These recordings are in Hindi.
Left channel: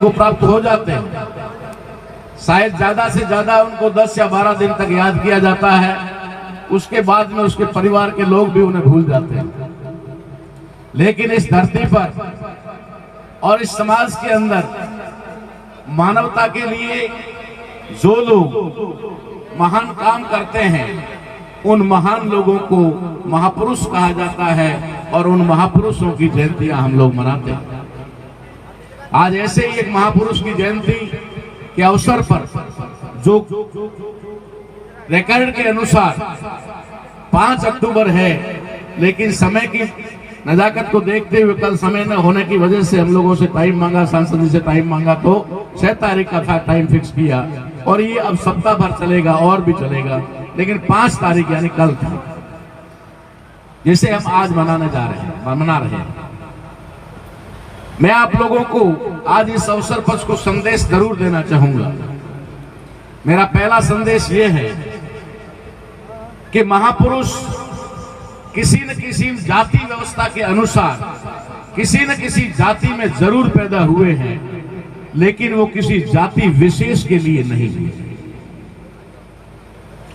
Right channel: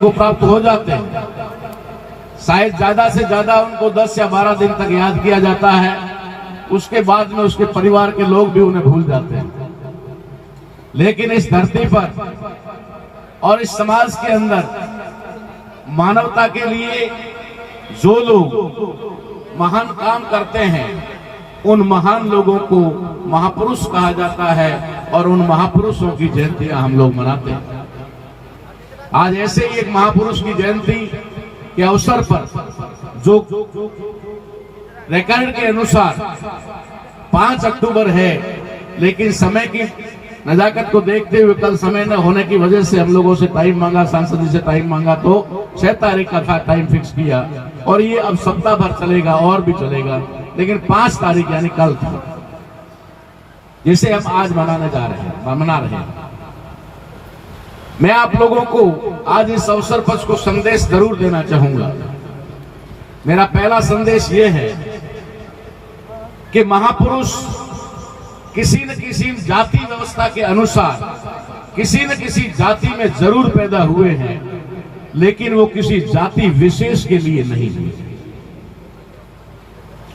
को प्राप्त हो जाते हैं। शायद ज्यादा से ज्यादा उनको 10 या 12 दिन तक याद किया जाता है, उसके बाद में उसके परिवार के लोग भी उन्हें भूल जाते हैं। लेकिन इस धरती पर और इस समाज के अंदर मानवता के लिए जो लोग महान काम करते हैं, उन महान लोगों को महापुरुष कहा जाता है और उन महापुरुषों की जयंतियां हम लोग मनाते हैं। आज ऐसे ही एक महापुरुष की जयंती के अवसर पर जो रिकॉर्ड के अनुसार 5 अक्टूबर है, लेकिन समय की नजाकत को देखते हुए कल समय न होने की वजह से हम लोगों से टाइम मांगा, सांसद जी से टाइम मांगा, तो 6 तारीख का था टाइम फिक्स किया और ये अब सप्ताह भर चलेगा और भी चलेगा, लेकिन 5 तारीख यानी कल था, जिसे हम आज मना रहे हैं। मैं आप लोगों को आज इस अवसर पर कुछ संदेश जरूर देना चाहूंगा। मेरा पहला संदेश ये है कि महापुरुष किसी न किसी जाति व्यवस्था के अनुसार किसी न किसी जाति में जरूर पैदा हुए हैं, लेकिन वो किसी जाति विशेष के लिए नहीं हुए।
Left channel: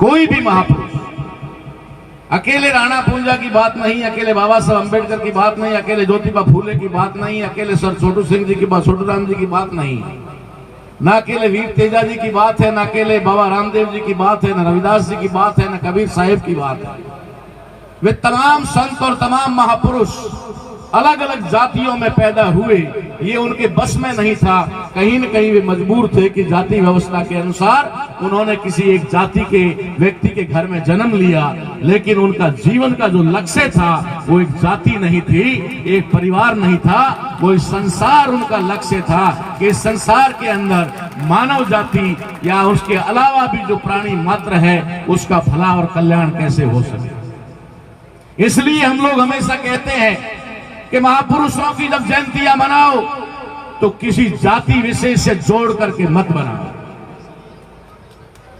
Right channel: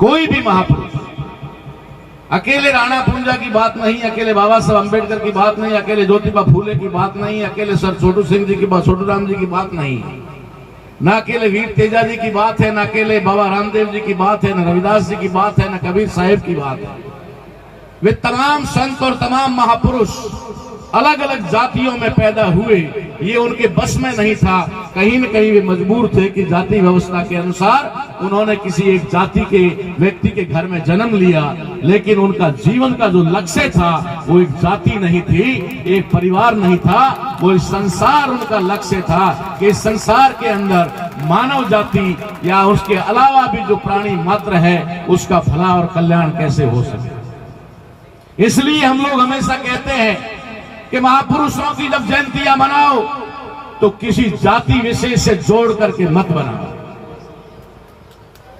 कोई भी महापुरुष अकेले राणा पूंजा की बात नहीं, अकेले बाबा साहब अंबेडकर की बात नहीं, अकेले ज्योतिबा फूले की बात नहीं, अकेले सर छोटू सिंह जी की बात, छोटू राम जी की बात नहीं, ना अकेले वीर तेजा जी की बात है, ना अकेले बाबा रामदेव जी की बात है, ना रविदास जी की बात है, ना कबीर साहिब की बात है। वे तमाम संत और तमाम महापुरुष अलग अलग जातियों में पैदा हुए, ये उनके बस में नहीं था। कहीं न कहीं वे मजबूर थे कि जाति व्यवस्था के अनुसार उन्होंने किसी एक जाति के व्यक्ति के घर में जन्म लिया, लेकिन उनका जीवन का जो लक्ष्य था वो एक जाति नहीं थी, एक परिवार नहीं था, वो संसार उनका लक्ष्य था कि इस संसार के अंदर मानव जाति या उसके अलावा भी जो प्राणी मात्र है उसका भला और कल्याण कैसे हो सके। इसलिए हम लोग हमेशा कहते हैं कि महापुरुषों की जब जयंतियां मनाओ तो किसी जाति विशेष से जोड़ करके मत मनाओ।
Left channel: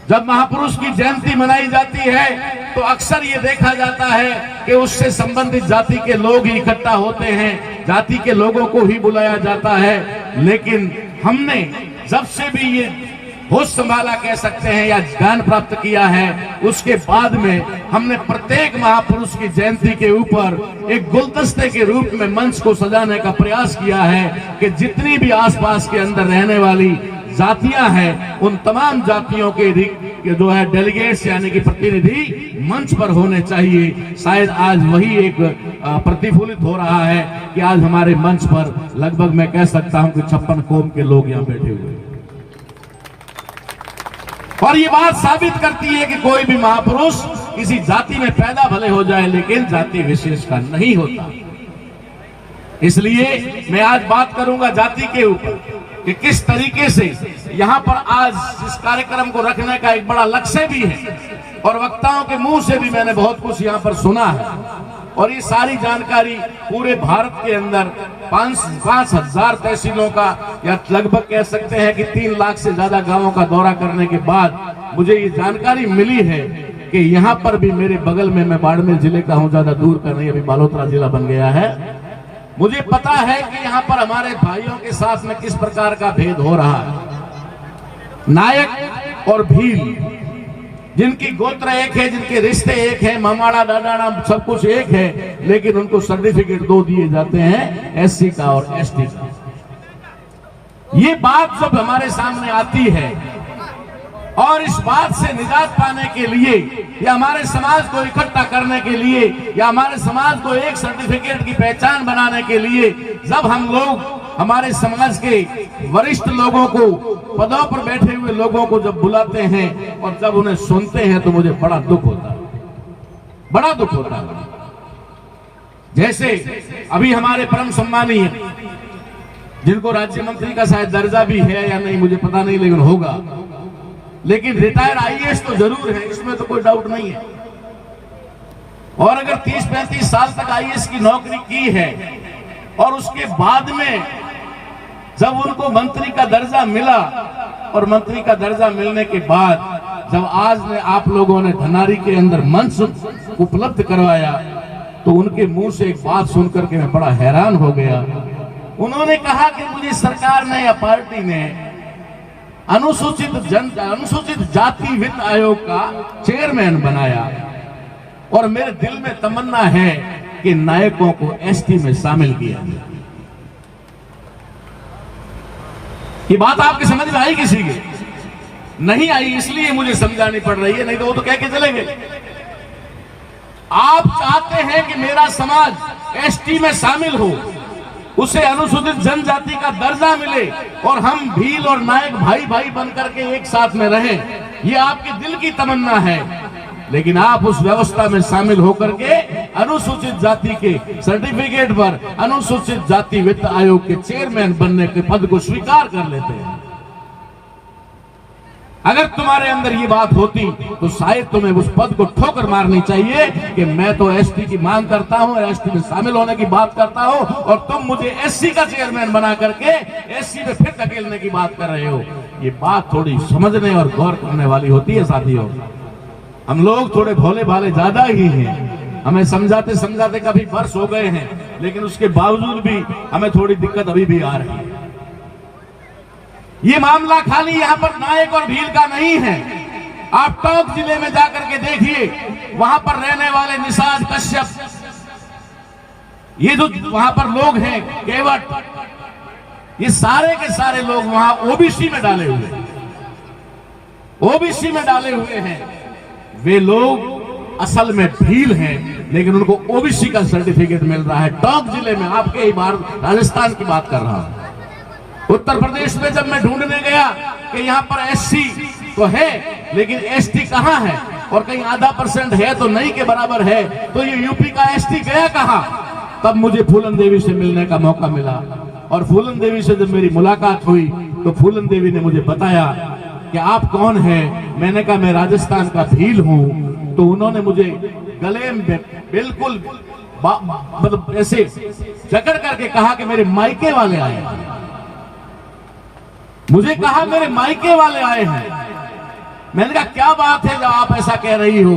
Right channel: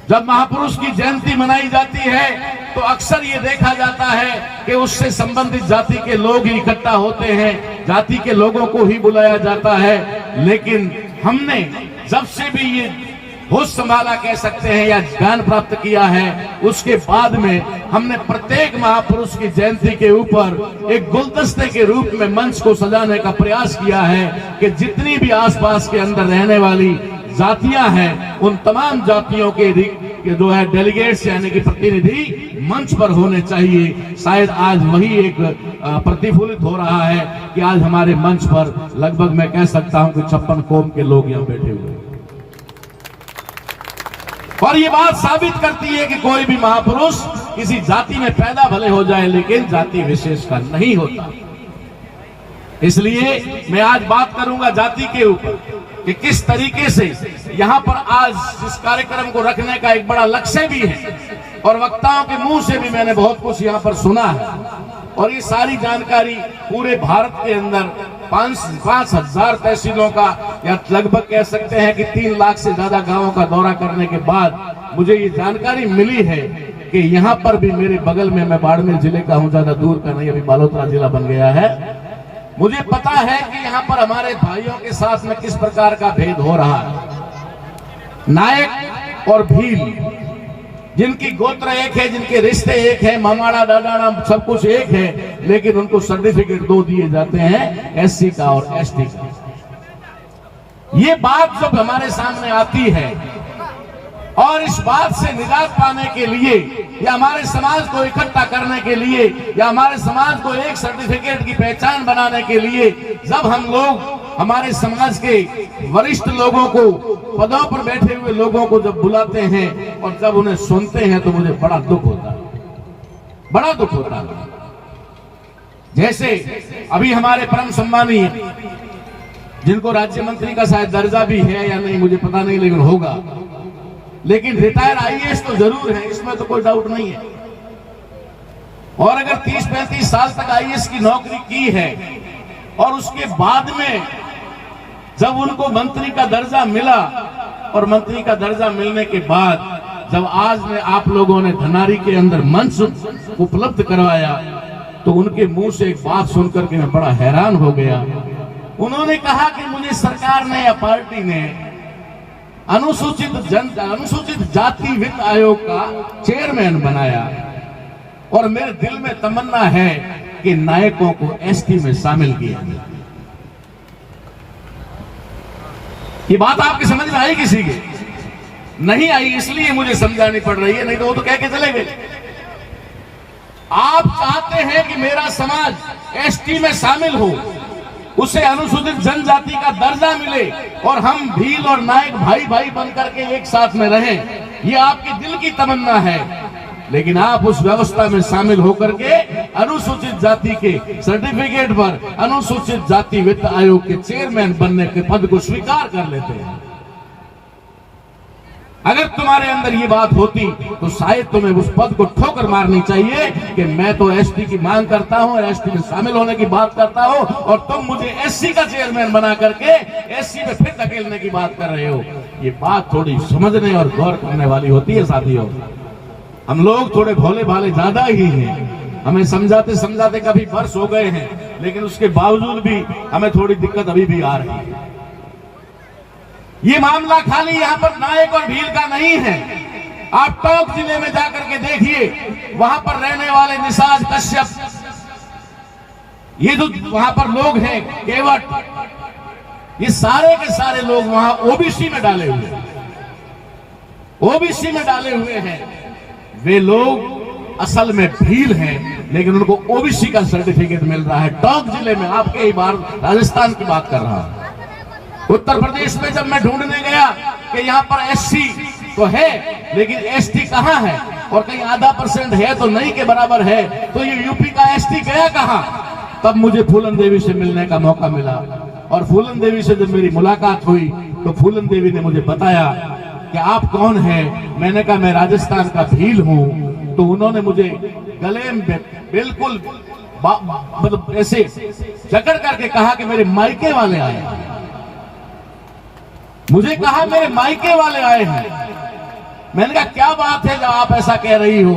जब महापुरुष की जयंती मनाई जाती है तो अक्सर ये देखा जाता है कि उससे संबंधित जाति के लोग ही इकट्ठा होते हैं, जाति के लोगों को ही बुलाया जाता है। लेकिन हमने जब से भी ये होश संभाला कह सकते हैं या ज्ञान प्राप्त किया है, उसके बाद में हमने प्रत्येक महापुरुष की जयंती के ऊपर एक गुलदस्ते के रूप में मंच को सजाने का प्रयास किया है कि जितनी भी आसपास के अंदर रहने वाली जातियां हैं, उन तमाम जातियों के जो है डेलीगेट्स यानी कि प्रतिनिधि मंच पर होने चाहिए। शायद आज वही एक प्रतिफलित हो रहा है कि आज हमारे मंच पर लगभग मैं कह सकता हूं कि 56 कौम के लोग यहाँ बैठे हुए हैं। और ये बात साबित करती है कि कोई भी महापुरुष किसी जाति में पैदा भले हो जाए, लेकिन जाति विशेष का नहीं होता। इसलिए मैं आज बात करूंगा जाति के ऊपर कि किस तरीके से यहाँ पर आज इस कार्यक्रम को रखने का एक बड़ा लक्ष्य भी है और वक्ताओं के मुंह से भी मैंने बहुत कुछ यहाँ पर सुना है। और ये सारी जानकारी पूरे भारत के अंदर 5,000 तहसीलों का या लगभग कह सकते हैं कि 3 लाख से ज्यादा गांवों का दौरा करने के बाद मुझे ये जानकारी मिली है कि यहाँ पर भी मेरे बगल में, मैं बाड़मेर जिले का हूँ, ज्यादा दूर का नहीं, अभी बालोतरा जिला बन गया है। मुझे पता है कि यहाँ पर हमारे भाइयों के साथ में किस प्रकार का भेद हो रहा है। नायक और भील, जिनकी गोत्र एक है, जिनके रिश्ते एक है, मामाड़ा दादाड़ा सब कुछ एक है, लेकिन उनको सर्टिफिकेट 2 दिए जाते हैं, एससी का और एसटी का। ये बात जब हमारे सामने आती है और इस बात से निजात पाने के लिए या हमारे समाज को इकट्ठा करने के लिए या हमारे समाज को एक सर्टिफिकेट की पहचान बनाने के लिए जब हम लोग हमारे समाज के वरिष्ठ लोगों को, पदों पर बैठे हुए लोगों को जब बुलाते हैं और जब उन्हें सुनते हैं तो मुझे बड़ा दुख होता है, बड़ा दुख होता है। जैसे अभी हमारे परम सम्मानीय, जिनको राज्य मंत्री का शायद दर्जा भी है या नहीं मुझे पता नहीं, लेकिन होगा, लेकिन रिटायर आईएएस तो जरूर है, इसमें तो कोई डाउट नहीं है। और अगर 30-35 साल तक आईएएस की नौकरी की है और उसके बाद में जब उनको मंत्री का दर्जा मिला और मंत्री का दर्जा मिलने के बाद जब आज में आप लोगों ने धनारी के अंदर मंच उपलब्ध करवाया, तो उनके मुंह से एक बात सुनकर के मैं बड़ा हैरान हो गया। उन्होंने कहा कि मुझे सरकार ने या पार्टी ने अनुसूचित जाति वित्त आयोग का चेयरमैन बनाया और मेरे दिल में तमन्ना है कि नायकों को एसटी में शामिल किया जाए। ये बात आपकी समझ में आई? किसी के नहीं आई, इसलिए मुझे समझानी पड़ रही है, नहीं तो वो तो कह के चले गए। आप चाहते हैं कि मेरा समाज एसटी में शामिल हो, उसे अनुसूचित जनजाति का दर्जा मिले और हम भील और नायक भाई भाई बनकर के एक साथ में रहें, ये आपके दिल की तमन्ना है। लेकिन आप उस व्यवस्था में शामिल होकर के अनुसूचित जाति के सर्टिफिकेट पर अनुसूचित जाति वित्त आयोग के चेयरमैन बनने के पद को स्वीकार कर लेते हैं। अगर तुम्हारे अंदर ये बात होती तो शायद तुम्हें उस पद को ठोकर मारनी चाहिए कि मैं तो एसटी की मांग करता हूं, एसटी में शामिल होने की बात करता हूं और तुम मुझे एससी का चेयरमैन बना करके एससी में फिर धकेलने की बात कर रहे हो। ये बात थोड़ी समझने और गौर करने वाली होती है साथियों। हम लोग थोड़े भोले भाले ज्यादा ही हैं, हमें समझाते समझाते कभी वर्ष हो गए हैं, लेकिन उसके बावजूद भी हमें थोड़ी दिक्कत अभी भी आ रही है। ये मामला खाली यहाँ पर नायक और भील का नहीं है। आप टोंक जिले में जाकर के देखिए, वहां पर रहने वाले निषाद कश्यप, ये जो वहां पर लोग हैं केवट, ये सारे के सारे लोग वहां ओबीसी में डाले हुए हैं, ओबीसी में डाले हुए हैं। वे लोग असल में भील हैं, लेकिन उनको ओबीसी का सर्टिफिकेट मिल रहा है। टोंक जिले में, आपके ही बार राजस्थान की बात कर रहा हूं। उत्तर प्रदेश में जब मैं ढूंढने गया कि यहाँ पर एससी तो है लेकिन एसटी कहाँ है, और कहीं आधा % है तो नहीं के बराबर है, तो ये यूपी का एसटी गया कहाँ? तब मुझे फूलन देवी से मिलने का मौका मिला और फूलन देवी से जब मेरी मुलाकात हुई तो फूलन देवी ने मुझे बताया कि आप कौन हैं। मैंने कहा मैं राजस्थान का भील हूं। तो उन्होंने मुझे गले में बिल्कुल मतलब ऐसे जकड़ करके कहा कि मेरे मायके वाले आए हैं। मुझे कहा मेरे मायके वाले आए हैं। मैंने कहा क्या बात है जो आप ऐसा कह रही हो?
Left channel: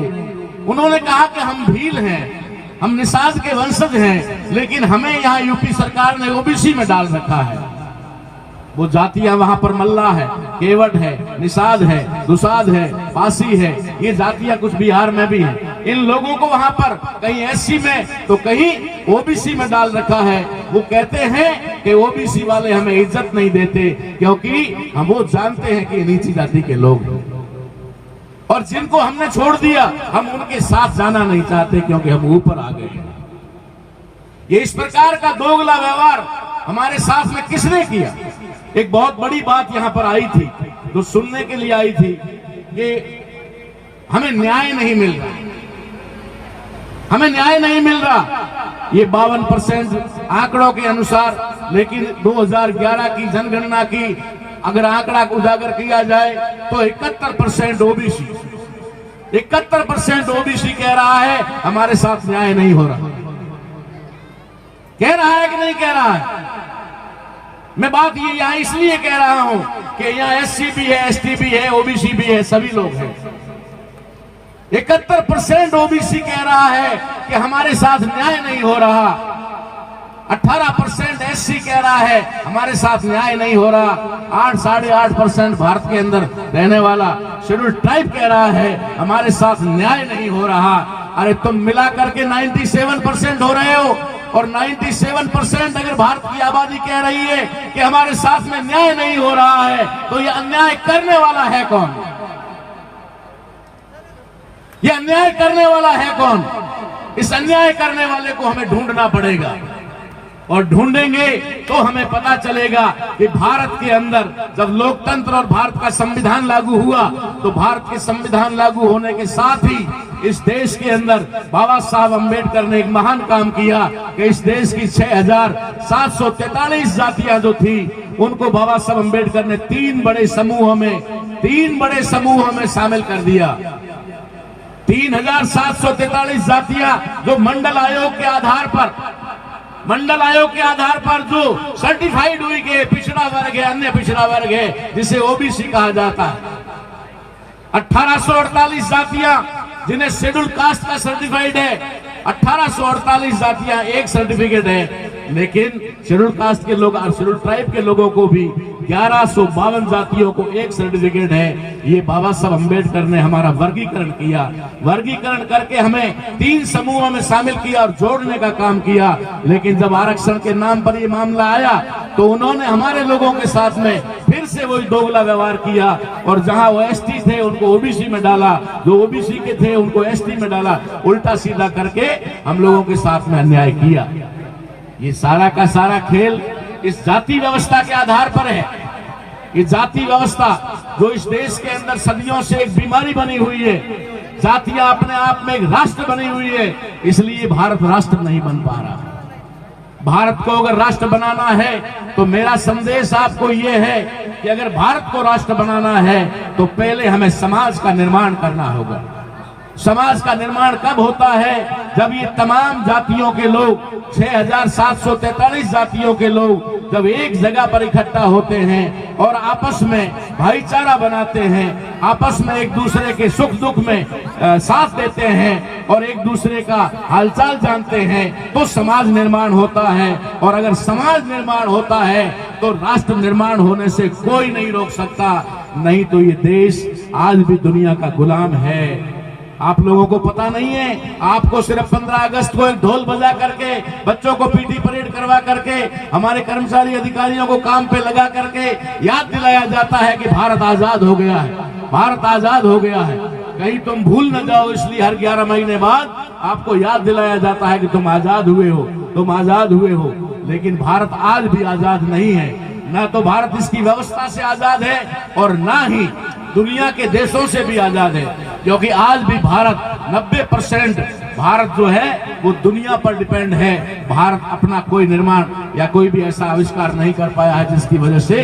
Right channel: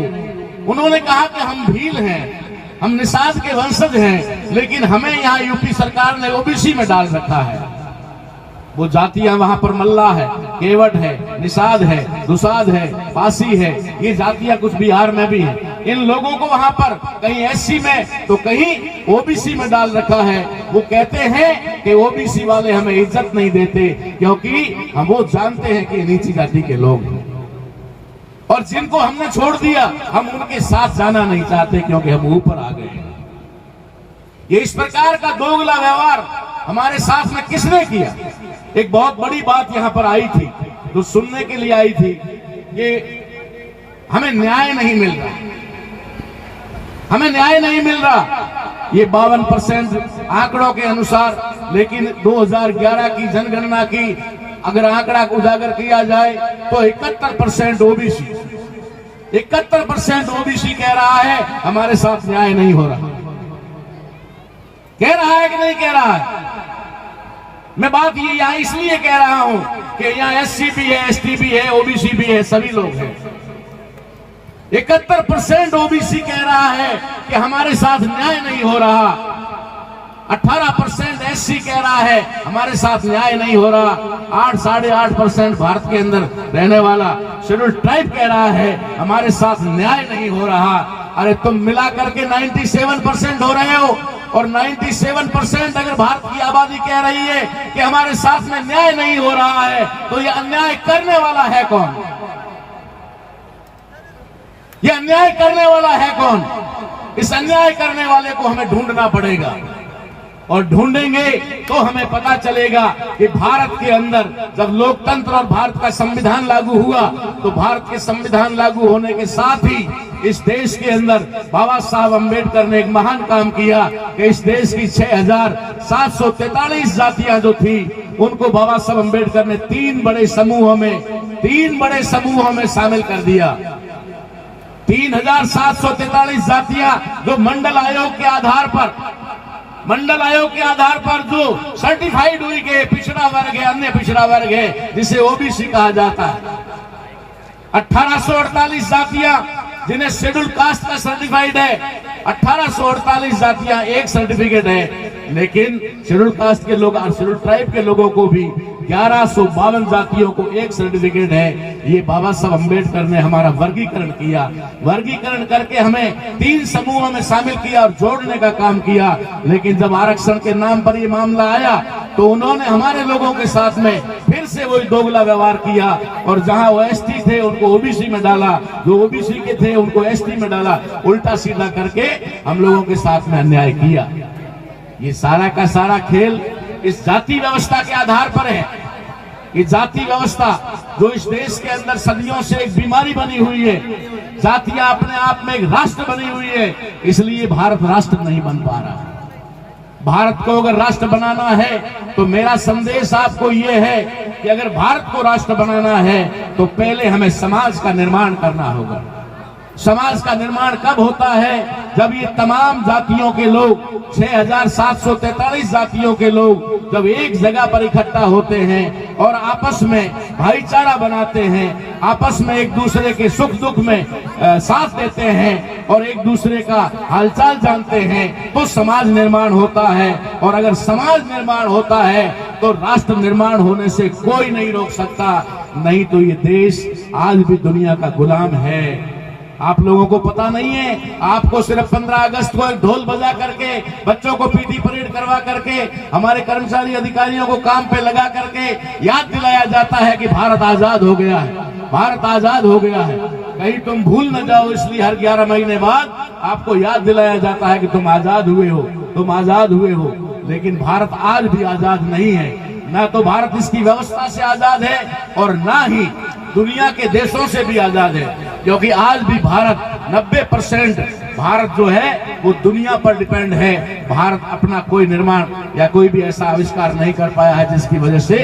उन्होंने कहा कि हम भील हैं, हम निषाद के वंशज हैं, लेकिन हमें यहाँ यूपी सरकार ने ओबीसी में डाल रखा है। वो जातियां वहां पर मल्ला है, केवट है, निषाद है, दुसाद है, पासी है, ये जातियां कुछ बिहार में भी हैं। इन लोगों को वहां पर कहीं एससी में तो कहीं ओबीसी में डाल रखा है। वो कहते हैं कि ओबीसी वाले हमें इज्जत नहीं देते क्योंकि हम वो जानते हैं कि नीची जाति के लोग हैं, और जिनको हमने छोड़ दिया हम उनके साथ जाना नहीं चाहते क्योंकि हम ऊपर आ गए। ये इस प्रकार का दोगला व्यवहार हमारे साथ में किसने किया? एक बहुत बड़ी बात यहाँ पर आई थी, जो सुनने के लिए आई थी कि हमें न्याय नहीं मिल रहा, हमें न्याय नहीं मिल रहा। ये 52% आंकड़ों के अनुसार, लेकिन 2011 की जनगणना की अगर आंकड़ा को उजागर किया जाए तो 71% ओबीसी, 71% ओबीसी कह रहा है हमारे साथ न्याय नहीं हो रहा। कह रहा है कि नहीं कह रहा है? मैं बात ये यहाँ इसलिए कह रहा हूं कि यहाँ एससी भी है, एसटी भी है, ओबीसी भी है, सभी लोग हैं। 71% ओबीसी कह रहा है कि हमारे साथ न्याय नहीं हो रहा। 18% एससी कह रहा है हमारे साथ न्याय नहीं हो रहा। 8-8.5% भारत के अंदर रहने वाला शेड्यूल ट्राइब कह रहा है हमारे साथ न्याय नहीं हो रहा। अरे तुम मिला करके 97% हो रहे हो, और 97% अगर भारत की आबादी कह रही है कि हमारे साथ में न्याय नहीं हो रहा है, तो ये अन्याय करने वाला है कौन? ये अन्याय करने वाला है कौन? इस अन्याय करने वाले को हमें ढूंढना पड़ेगा, और ढूंढेंगे तो हमें पता चलेगा कि भारत के अंदर जब लोकतंत्र और भारत का संविधान लागू हुआ, तो भारत के संविधान लागू होने के साथ ही इस देश के अंदर बाबा साहब अम्बेडकर ने एक महान काम किया कि इस देश की 6743 जातियां जो थी, उनको बाबा साहब अम्बेडकर ने 3 बड़े समूहों में शामिल कर दिया। 3743 जातियां जो मंडल आयोग के आधार पर जो सर्टिफाइड हुई कि पिछड़ा वर्ग है, अन्य पिछड़ा वर्ग है, जिसे ओबीसी कहा जाता है। 1848 जातियां जिन्हें शेड्यूल कास्ट का सर्टिफाइड है, 1848 जातियां एक सर्टिफिकेट है, लेकिन शेड्यूल कास्ट के लोग, शेड्यूल ट्राइब के लोगों को भी 1152 जातियों को एक सर्टिफिकेट है। ये बाबा साहब अम्बेडकर ने हमारा वर्गीकरण किया, वर्गीकरण करके हमें 3 समूहों में शामिल किया और जोड़ने का काम किया। लेकिन जब आरक्षण के नाम पर ये मामला आया तो उन्होंने हमारे लोगों के साथ में फिर से वही दोगला व्यवहार किया और जहां वो एसटी थे उनको ओबीसी में डाला, जो ओबीसी के थे उनको एसटी में डाला, उल्टा सीधा करके हम लोगों के साथ में अन्याय किया। ये सारा का सारा खेल इस जाति व्यवस्था के आधार पर है। ये जाति व्यवस्था जो इस देश के अंदर सदियों से एक बीमारी बनी हुई है, जातियां अपने आप में एक राष्ट्र बनी हुई है, इसलिए भारत राष्ट्र नहीं बन पा रहा। भारत को अगर राष्ट्र बनाना है तो मेरा संदेश आपको ये है कि अगर भारत को राष्ट्र बनाना है तो पहले हमें समाज का निर्माण करना होगा। समाज का निर्माण कब होता है? जब ये तमाम जातियों के लोग, 6743 जातियों के लोग जब एक जगह पर इकट्ठा होते हैं और आपस में भाईचारा बनाते हैं, आपस में एक दूसरे के सुख दुख में साथ देते हैं और एक दूसरे का हालचाल जानते हैं, तो समाज निर्माण होता है। और अगर समाज निर्माण होता है तो राष्ट्र निर्माण होने से कोई नहीं रोक सकता। नहीं तो ये देश आज भी दुनिया का गुलाम है। आप लोगों को पता नहीं है, आपको सिर्फ 15 अगस्त को एक ढोल बजा करके, बच्चों को पीटी परेड करवा करके, हमारे कर्मचारी अधिकारियों को काम पे लगा करके याद दिलाया जाता है कि भारत आजाद हो गया है, भारत आजाद हो गया है। कहीं तुम भूल न जाओ, इसलिए हर 11 महीने बाद आपको याद दिलाया जाता है कि तुम आजाद हुए हो, तुम आजाद हुए हो। लेकिन भारत आज भी आजाद नहीं है। ना तो भारत इसकी व्यवस्था से आजाद है और ना ही दुनिया के देशों से भी आजाद है, क्योंकि आज भी भारत 90% भारत जो है वो दुनिया पर डिपेंड है। भारत अपना कोई निर्माण या कोई भी ऐसा आविष्कार नहीं कर पाया है जिसकी वजह से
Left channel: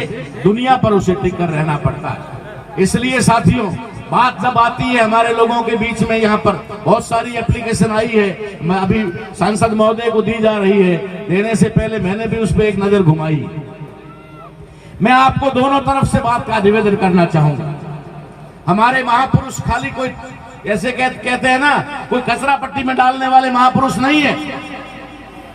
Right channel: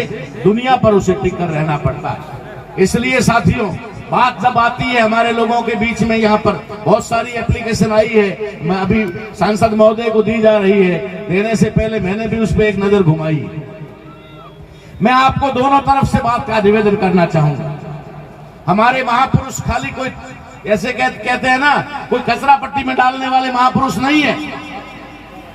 दुनिया पर उसे टिक कर रहना पड़ता है। इसलिए साथियों, बात जब आती है हमारे लोगों के बीच में, यहाँ पर बहुत सारी एप्लीकेशन आई है, मैं अभी सांसद महोदय को दी जा रही है, देने से पहले मैंने भी उस पर एक नजर घुमाई। मैं आपको दोनों तरफ से बात का निवेदन करना चाहूंगा। हमारे महापुरुष खाली कोई ऐसे कहते हैं ना, कोई कचरा पट्टी में डालने वाले महापुरुष नहीं है।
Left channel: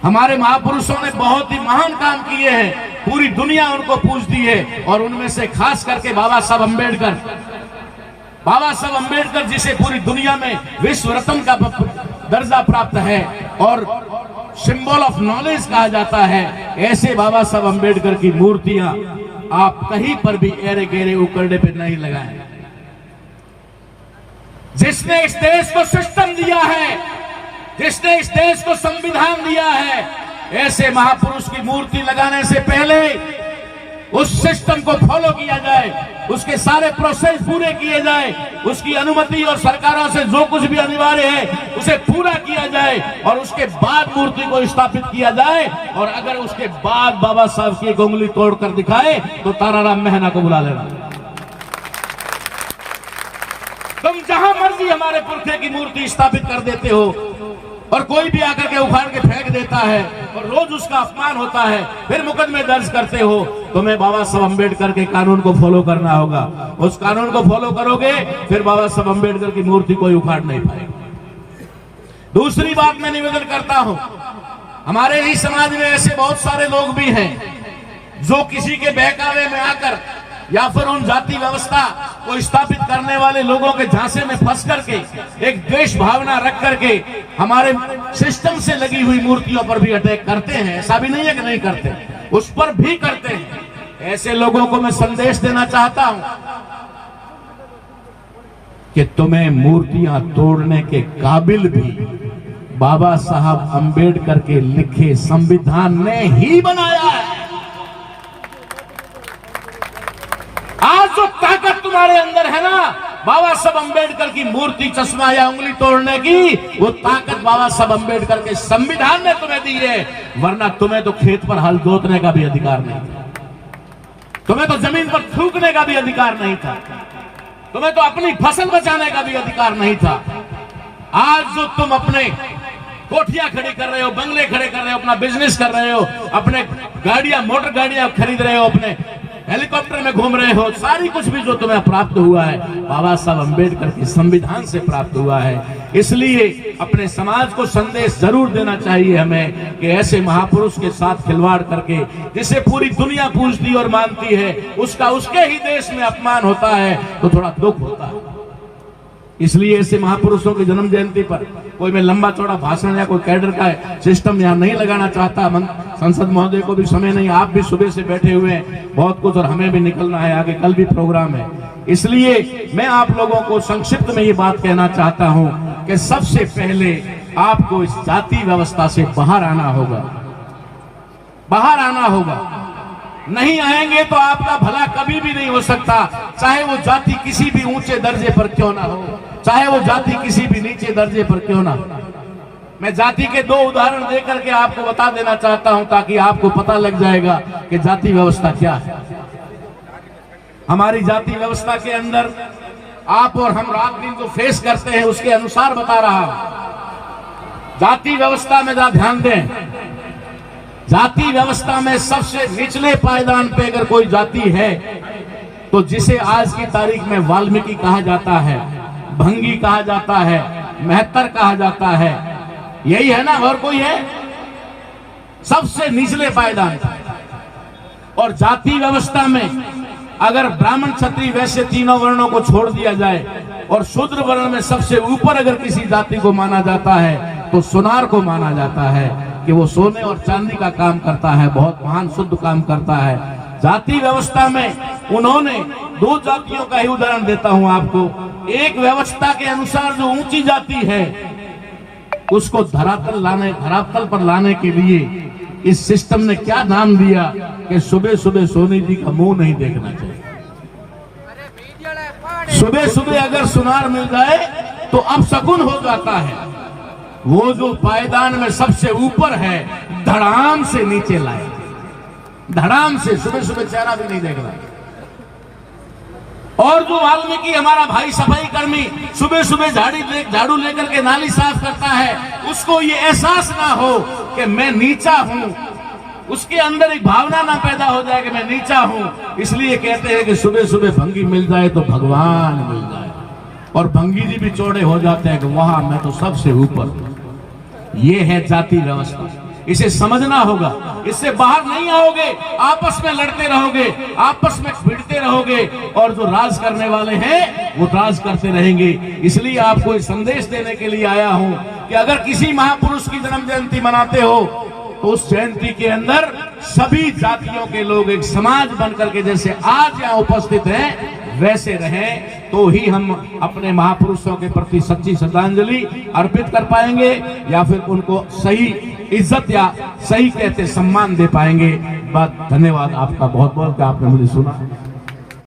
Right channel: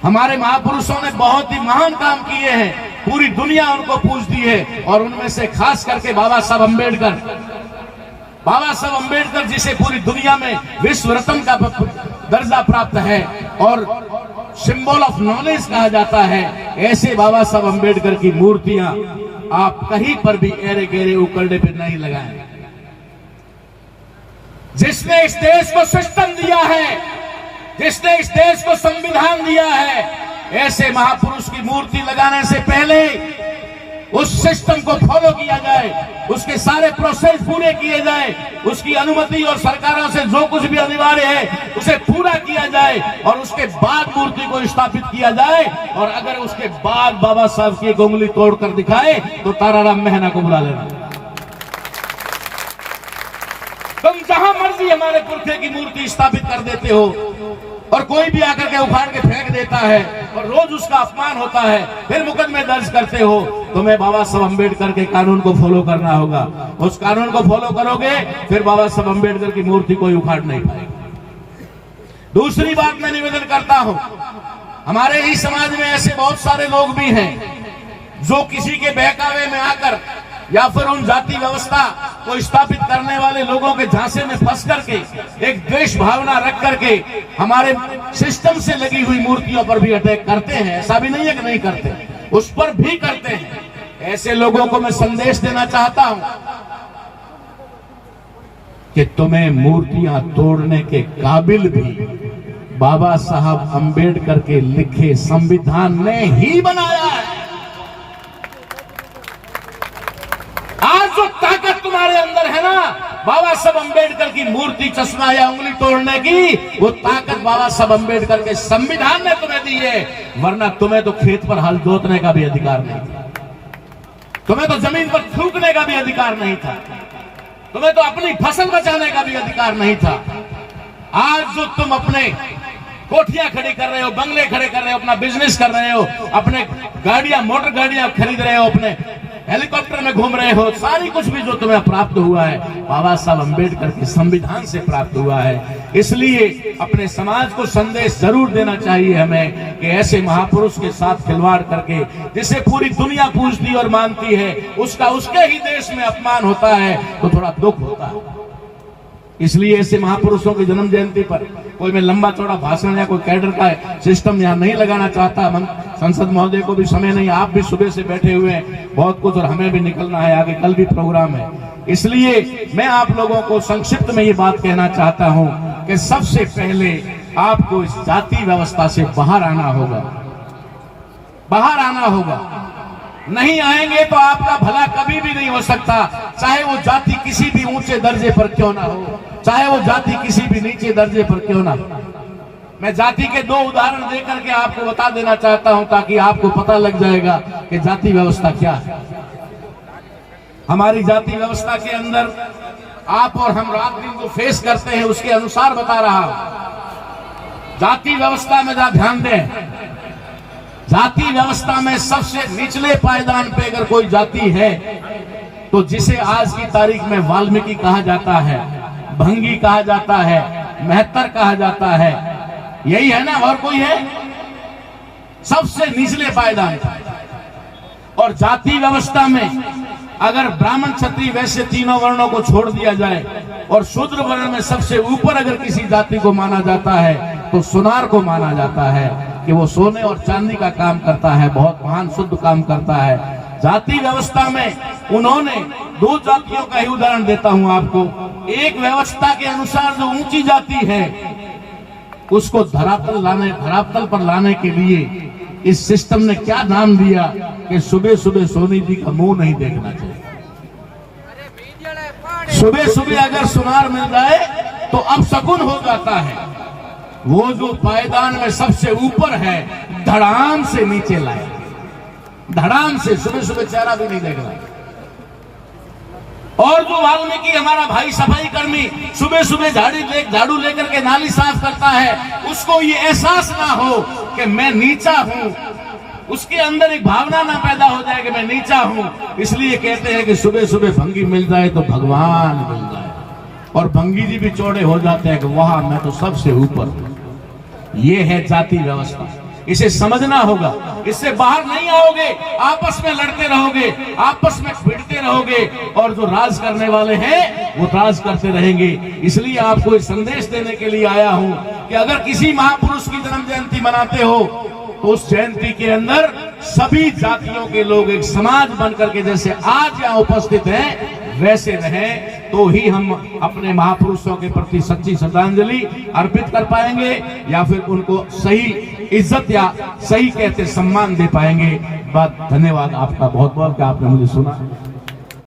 हमारे महापुरुषों ने बहुत ही महान काम किए हैं, पूरी दुनिया उनको पूजती है। और उनमें से खास करके बाबा साहब अम्बेडकर, बाबा साहब अम्बेडकर जिसे पूरी दुनिया में विश्व रत्न का दर्जा प्राप्त है और सिंबल ऑफ नॉलेज कहा जाता है, ऐसे बाबा साहब अम्बेडकर की मूर्तियां आप कहीं पर भी एरे गेरे उकड़ने पे नहीं लगाएं। जिसने इस देश को सिस्टम दिया है, जिसने इस देश को संविधान दिया है, ऐसे महापुरुष की मूर्ति लगाने से पहले उस सिस्टम को फॉलो किया जाए, उसके सारे प्रोसेस पूरे किए जाए, उसकी अनुमति और सरकारों से जो कुछ भी अनिवार्य है उसे पूरा किया जाए और उसके बाद मूर्ति को स्थापित किया जाए। और अगर उसके बाद बाबा साहब की उंगली तोड़कर दिखाए तो ताराराम मेहना को बुला लेना। तुम जहां मर्जी हमारे पुरखे की मूर्ति स्थापित कर देते हो और कोई भी आकर के उखाड़ के फेंक देता है और रोज उसका अपमान होता है, फिर मुकदमे दर्ज करते हो। तुम्हें बाबा साहब अम्बेडकर के कानून को फॉलो करना होगा। उस कानून को फॉलो करोगे फिर बाबा साहब अम्बेडकर की मूर्ति कोई उखाड़ नहीं पाएगा। दूसरी बात मैं निवेदन करता हूं, हमारे ही समाज में ऐसे बहुत सारे लोग भी हैं जो किसी के बहकावे में आकर या फिर उन जाति व्यवस्था को स्थापित करने वाले लोगों के झांसे में फंस करके एक द्वेष भावना रख करके हमारे सिस्टम से लगी हुई मूर्तियों पर भी अटैक करते हैं। ऐसा भी नहीं है कि नहीं करते, उस पर भी करते हैं। ऐसे लोगों को मैं संदेश देना चाहता हूं कि तुम्हें मूर्तियां तोड़ने के काबिल भी बाबा साहब अम्बेडकर के लिखे संविधान ने ही बनाया है। आज जो ताकत तुम्हारे अंदर है ना, बाबा साहब अम्बेडकर की मूर्ति, चश्मा या उंगली तोड़ने की, वो ताकत बाबा साहब अम्बेडकर के संविधान ने तुम्हें दी है। वरना तुम्हें तो खेत पर हल जोतने का भी अधिकार नहीं था, तुम्हें तो जमीन पर थूकने का भी अधिकार नहीं था, तुम्हें तो अपनी फसल बचाने का भी अधिकार नहीं था। आज जो तुम अपने कोठियां खड़ी कर रहे हो, बंगले खड़े कर रहे हो, अपना बिजनेस कर रहे हो, अपने गाड़ियां, मोटर गाड़ियां खरीद रहे हो, अपने हेलीकॉप्टर में घूम रहे हो, सारी कुछ भी जो तुम्हें प्राप्त हुआ है बाबा साहब अम्बेडकर के संविधान से प्राप्त हुआ है। इसलिए अपने समाज को संदेश जरूर देना चाहिए हमें कि ऐसे महापुरुष के साथ खिलवाड़ करके जिसे पूरी दुनिया पूजती और मानती है, उसका उसके ही देश में अपमान होता है तो थोड़ा दुख होता है। इसलिए ऐसे महापुरुषों की जन्म जयंती पर कोई मैं लंबा चौड़ा भाषण या कोई कैडर का सिस्टम यहाँ नहीं लगाना चाहता। संसद महोदय को भी समय नहीं, आप भी सुबह से बैठे हुए हैं बहुत कुछ, और हमें भी निकलना है आगे, कल भी प्रोग्राम है। इसलिए मैं आप लोगों को संक्षिप्त में ये बात कहना चाहता हूँ कि सबसे पहले आपको इस जाति व्यवस्था से बाहर आना होगा, बाहर आना होगा। नहीं आएंगे तो आपका भला कभी भी नहीं हो सकता, चाहे वो जाति किसी भी ऊंचे दर्जे पर क्यों ना हो, चाहे वो जाति किसी भी नीचे दर्जे पर क्यों ना हो। मैं जाति के दो उदाहरण देकर के आपको बता देना चाहता हूं ताकि आपको पता लग जाएगा कि जाति व्यवस्था क्या है। हमारी जाति व्यवस्था के अंदर आप और हम रात दिन जो फेस करते हैं उसके अनुसार बता रहा हूं। जाति व्यवस्था में जरा ध्यान दें, जाति व्यवस्था में सबसे निचले पायदान पे अगर कोई जाति है तो जिसे आज की तारीख में वाल्मीकि कहा जाता है, भंगी कहा जाता है, मेहतर कहा जाता है, यही है ना, और कोई है? सबसे निचले पायदान। और जाति व्यवस्था में अगर ब्राह्मण क्षत्रिय वैश्य तीनों वर्णों को छोड़ दिया जाए और शूद्र वर्ण में सबसे ऊपर अगर किसी जाति को माना जाता है तो सुनार को माना जाता है कि वो सोने और चांदी का काम करता है, बहुत महान शुद्ध काम करता है। जाति व्यवस्था में उन्होंने दो जातियों का ही उदाहरण देता हूं आपको। एक व्यवस्था के अनुसार जो ऊंची जाति है उसको धरातल पर लाने के लिए इस सिस्टम ने क्या नाम दिया कि सुबह सुबह सोनी जी का मुंह नहीं देखना चाहिए। सुबह सुबह अगर सुनार मिल जाए तो अब शकुन हो जाता है। वो जो पायदान में सबसे ऊपर है धड़ाम से नीचे लाए, धड़ाम से, सुबह सुबह चेहरा भी नहीं देखना। और जो वाल्मीकि हमारा भाई सफाई कर्मी सुबह सुबह झाड़ू लेकर के नाली साफ करता है, उसको ये एहसास ना हो कि मैं नीचा हूं, उसके अंदर एक भावना ना पैदा हो जाए कि मैं नीचा हूं। इसलिए कहते हैं कि सुबह सुबह भंगी मिल जाए तो भगवान मिल जाए, और भंगी जी भी चौड़े हो जाते हैं कि वहां मैं तो सबसे ऊपर। ये है जाति व्यवस्था, इसे समझना होगा, इससे बाहर नहीं आओगे, आपस में लड़ते रहोगे, आपस में भिड़ते रहोगे, और जो राज करने वाले हैं वो राज करते रहेंगे। इसलिए आपको एक संदेश देने के लिए आया हूं कि अगर किसी महापुरुष की जन्म जयंती मनाते हो तो उस जयंती के अंदर सभी जातियों के लोग एक समाज बनकर के जैसे आज यहाँ उपस्थित हैं वैसे रहें, तो ही हम अपने महापुरुषों के प्रति सच्ची श्रद्धांजलि अर्पित कर पाएंगे या फिर उनको सही इज्जत या सही कहते सम्मान दे पाएंगे। धन्यवाद आपका बहुत बहुत कि आपने मुझे सुना।